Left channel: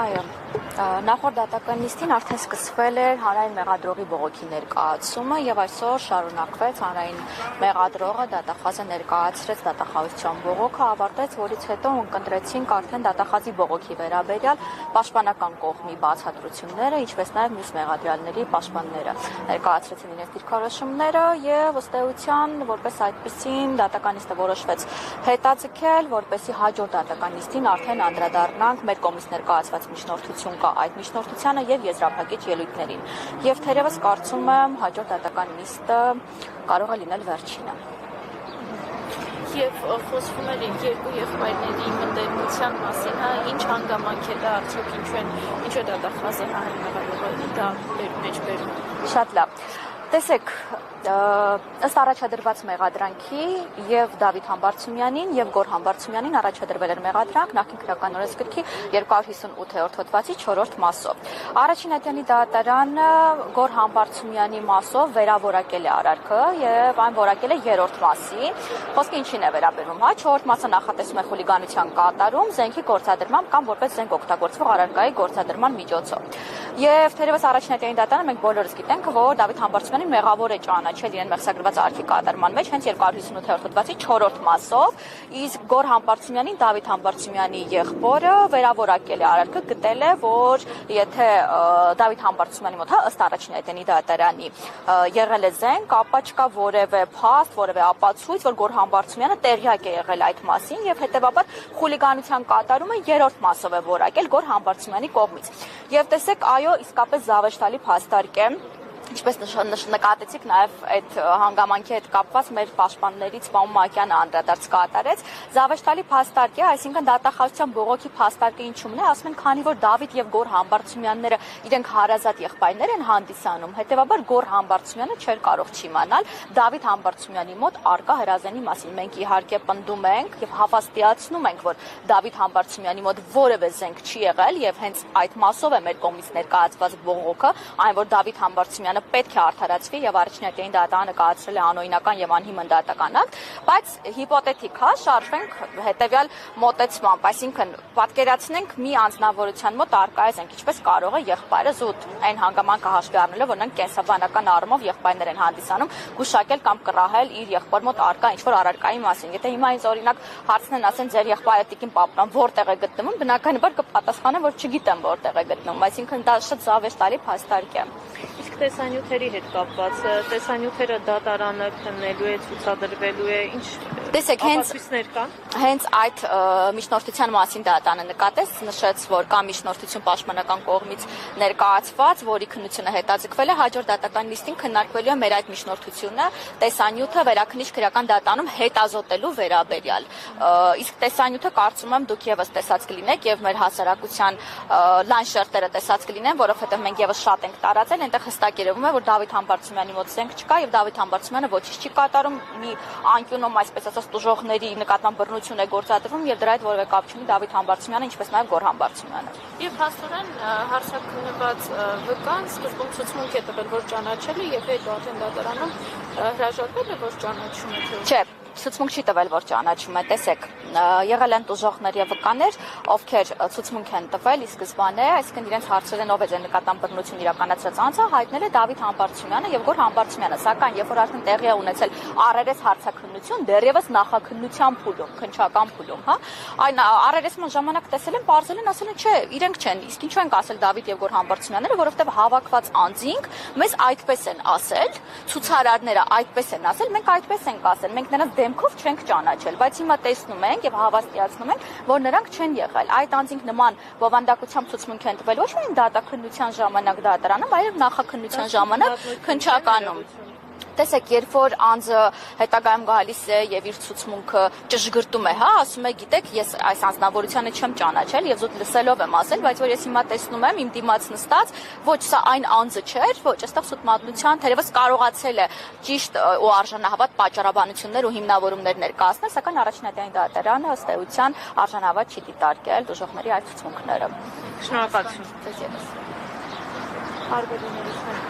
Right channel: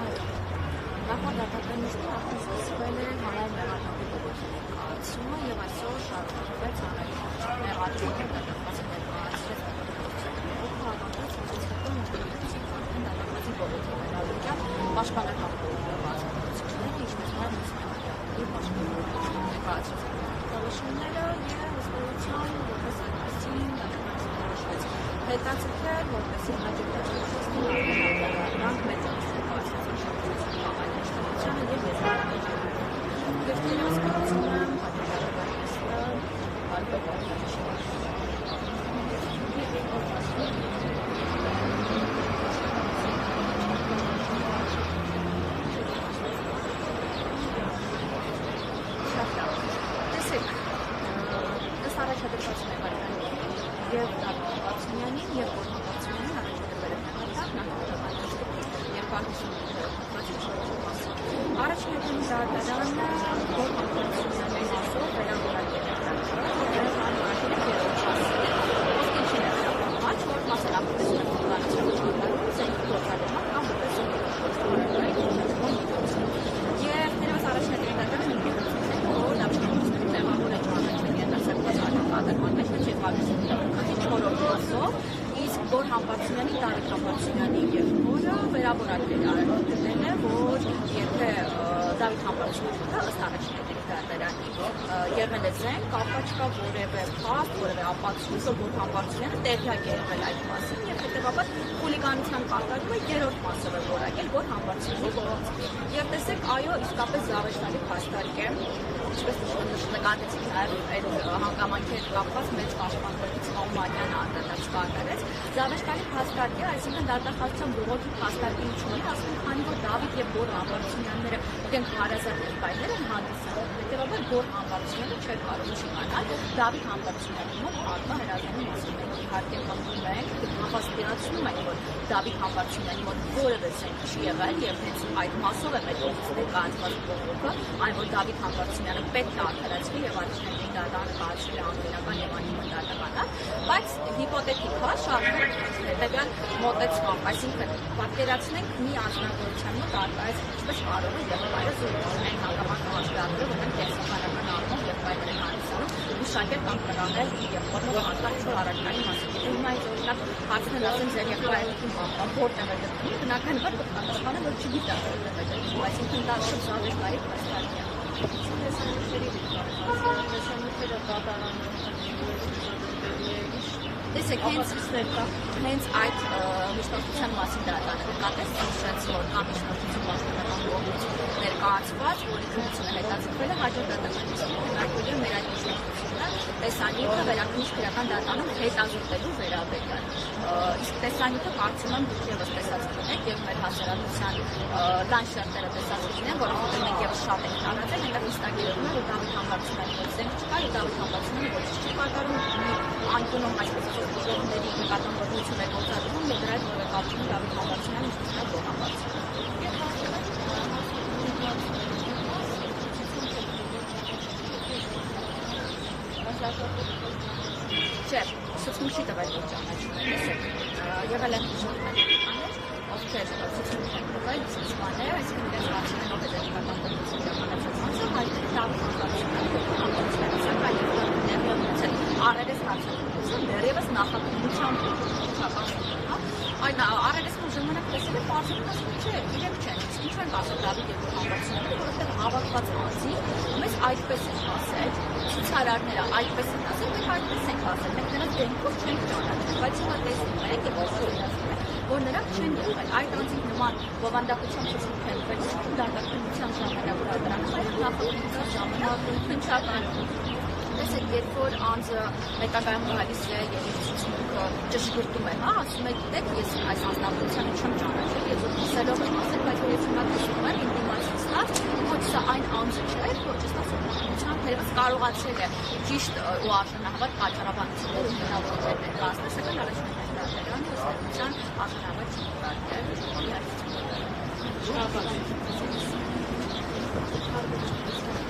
Այո, նախորդ դատական նիստին արդեն սկսվել էր հանրային մեղադրողի բողոքի ներկայացումը եւ այսօր շարունակվեց հանրային մեղադրողը դատախազը ներկայացրեց դատախազության բողոքը, ավարտեց, որից հետո ընկնդրեցինք արդեն դատախազի բողոքի վերաբերյալ պաշտպանական կողմի բացատրությունները, ինչպես նաեւ մյուս մեղադրյալների պաշտպանները ներկայացրեցին իրենց դիրքորոշումները եւ ըստ էության որպես այդպեսին դատական նիստը որոշվեց հետաձգել, որպեսզի հաջորդ դատական նիստին արդեն անդրադառնանք մեր կողմից ներկայացված միջնորդություն կա այդ միջնորդությանը եւ եզրափակիչ ելույթներին։ Եվ թերևս կարծում եմ հաջորդ դատական նիստը կարող է լինել վերջինը։ Եվ խոսվում էր երկու եղբայրների մտերմության մասին, ինչ հանգամանք է դա, ինչու դատախազը հանրահավաքի դա մեջ բերում։ Շատ լավ։ Տեսեք, ըստ առաջադրված մեղադրանքի եւ Դավիթ Համբարձումյանին եւ Գոռ Համբարձումյանին առաջադրվել էր մեղադրանք նախկին քրեական օրենսգրքի 258-րդ հոդվածի 4-րդ մասով։ Առաջին ատյանի դատարանը Գոռ Համբարձումյանի մասով վերավորակել է արարքը եւ այն որակել է 3-րդ մասի։ Խոսքը ինչին է վերաբերում, 4-րդ մասը նախատեսում է խուլիգանության կատարում, զենքի գործադրմամբ կամ որպես զենք օգտագործվող առարկայի գործադրման միջոցով։ Եվ թերևս առաջին ատյանի դատարանը մենք բոլորս գիտենք, որ Դավիթ Համբարձումյանին մեղավոր է ճանաչել իրեն վերցագրված արարքի կատարման մեջ հենց 258-րդ հոդվածի 4-րդ մասով, իսկ Գոռ Համբարձումյանին Դավիթ Համբարձումյանի եղբորը վերավորակել է արարքը, գտել է, որ եթե Դավիթ Համբարձումյանի մոտ, ըստ առաջին ատյանի դատարանի, եղել է զենք, ապա չկա որևէ փաստ, որևէ ապացույց, որ Գոռ Համբարձումյանը տեղյակ է եղել այդ մասին եւ հետեւաբար խուլիգանության կատարումը 3-րդ մասով է որակել Գոռ Համբարձումյանի կողմից։ Եվ տեսեք, այո, իսկապես զավեշտալի փաստարկ է, ինչպես նկատեցիք նաև այդ հանգամանքի հետ կապված մեծ պաշտպաններից Պարոն Մակյանը անդրադարձ կատարեց, զավեշտալի փաստարկ է, այսինքն դատախազության բողոքի փաստարկը ինչու՞մն է, ասում են, քանի որ Դավիթ եւ Գոռ Համբարձումյանները իրենք հարազատ եղբայրներ են հանդիսանում, հետեւաբար Գոռ Համբարձումյանը չէր կարող չիմանալ Դավիթ Համբարձումյանի մոտ արկա հրազենի մասին։ Մենք իհարկե պնդում ենք եւ հավաստիացնում ենք, որ Դավիթ Համբարձումյանի մոտ որևէ զենք չի եղել եւ հենց այդ մասով է մեր կողմից ներկայացված բողոքը, այն որ Դավիթ Համբարձումյանը պետք է արդարացվի եւ առաջին ատյանի դատարանը կայացրել է անօրինական եւ անհիմն դատականակ, բայց հիպոթետիկ շարժվենք հետեւյալ մոտեցմամբ, այսինքն պատկերացնենք մի անձնավորության մոտ արկա է զենք, ինչպես կարող է եղբայրը զուտ այն հանգամանքը հաշվի առնելով, որ նրանք կենսաբանական առումով եղբայրներ են հանդիսանում, գուշակել կամ կռահել իր եղբոր մոտ արկա ինչ-որ առարկայի մասին։ Եթե հիմա ինձ օրինակ հարցնեն, ասեն ձեր եղբայրը տիկին Պապրան որտեղ է գտնվում, բնականաբար կպատասխանեմ, որ չգիտեմ որտեղ է գտնվում, այսինքն դա շատ զավեշտալի փաստարկ է։ Իսկ տեսանյութերի հետ կապված, տեսանյութերը դատարանը քննելու է, ցուցադրվելու է, ինչ տեսեք, հենց այդ միջնորդության մասին դատարանը նկատեց, նշեց, որ կա միջնորդություն պաշտպանական կողմից ներկայացված, որի քննությունը հետաձգվել է, հաջորդ դատական նիստին քննարկվելու է մեր այդ միջնորդությունը տեսանյութը վերաքննիչ քրեական դատարանում հետազոտելու վերաբերյալ։ Իսկ տեսանյութը կարծում եմ դուք եւս տեսած կլինեք եւ մեր հասարակության լայն շերտերը տեսած կլինեն, որովհետեւ մենք եւս շատ ենք տարածել, այնտեղ հստակ երևում է, որ Դավիթ Համբարձումյանի մոտ զենք չկա եւ Դավիթ Համբարձումյանը ոչինչ չի կատարում, մի անկյունում այսպես ասած բուժողների նկատմամբ բռնություն է գործադրվում եւ դրա հետ որևէ կապ չունի Դավիթ Համբարձումյանը, ինչպես նաեւ Գոռ Համբարձումյանը։ Եվ հաստատեն հարցակնված վկան սկզբում ցուցմունք է տվել, որ ճանաչել է, եթե արդեն դատարանում հրաժարվել է, որ ճանաչում է։ Չէ, ցուցմունք չի տվել, որ ճանաչում է։ Տեսեք, եղել են բուժողներ եւ վկաներ, ովքեր ցուցմունք են տվել ի սկզբանե, այսինքն իրենց հարցերեն ով է ձեր նկատմամբ բռնություն իրականացրած անձը, հայտնել է Դավիթ Համբարձումյանը եւ Գոռ Համբարձումյանը, սակայն երբ որ արդեն տեղի է ունեցել առերես հարցակնություն, դեռևս նախաքննության փուլում, քննչական փուլում, հա, այն առերեսման ժամանակ տեսել են, բարձել են, ասում են, չէ, իրենք չեն, իսկ ինչու են ասել Դավիթ եւ Գոռ Համբարձումյանները, որովհետեւ հավաքված անձինք մեզ այդպես են ասել, ցուցարարները այդպես են ասել, մենք այդպես ենք ասել, մենք նրանց դեմքով չենք ճանաչել, բայց հիմա տեսնում ենք եւ հավաստիացնում ենք, որ նրանք չեն եղել։ Այդ անձինք նման բովանդակությամբ ցուցմունք են տվել ոչ միայն դատաքննության ժամանակ դատարանում, այլև նախաքննության ժամանակ քննչականում։ Տեսեք, երբ որ անձը հետագայում գալիս է եւ իր ցուցմունքը ճշգրտում է, հա, ասում է, գիտեք, ես այս անձնավորությանը չեմ ճանաչել եւ զուտ լսելով եմ ասել, բայց որ ես հիմա տեսնում եմ իմ դիմաց նստած, ոչ սա այն անձը չէր, ոչ այստեղ սուտ թերևս կարողացել է ճիշտ ու արժանահավատ պատճառաբանություններ ու հիմնավորումներ ներկայացնել, սակայն առաջին ատյանի դատարանը ըստ էության արժանահավատ չի դիտարկել բուժողների այդ ցուցմունքները։ Շնորհակալություն։ Արժանահավատ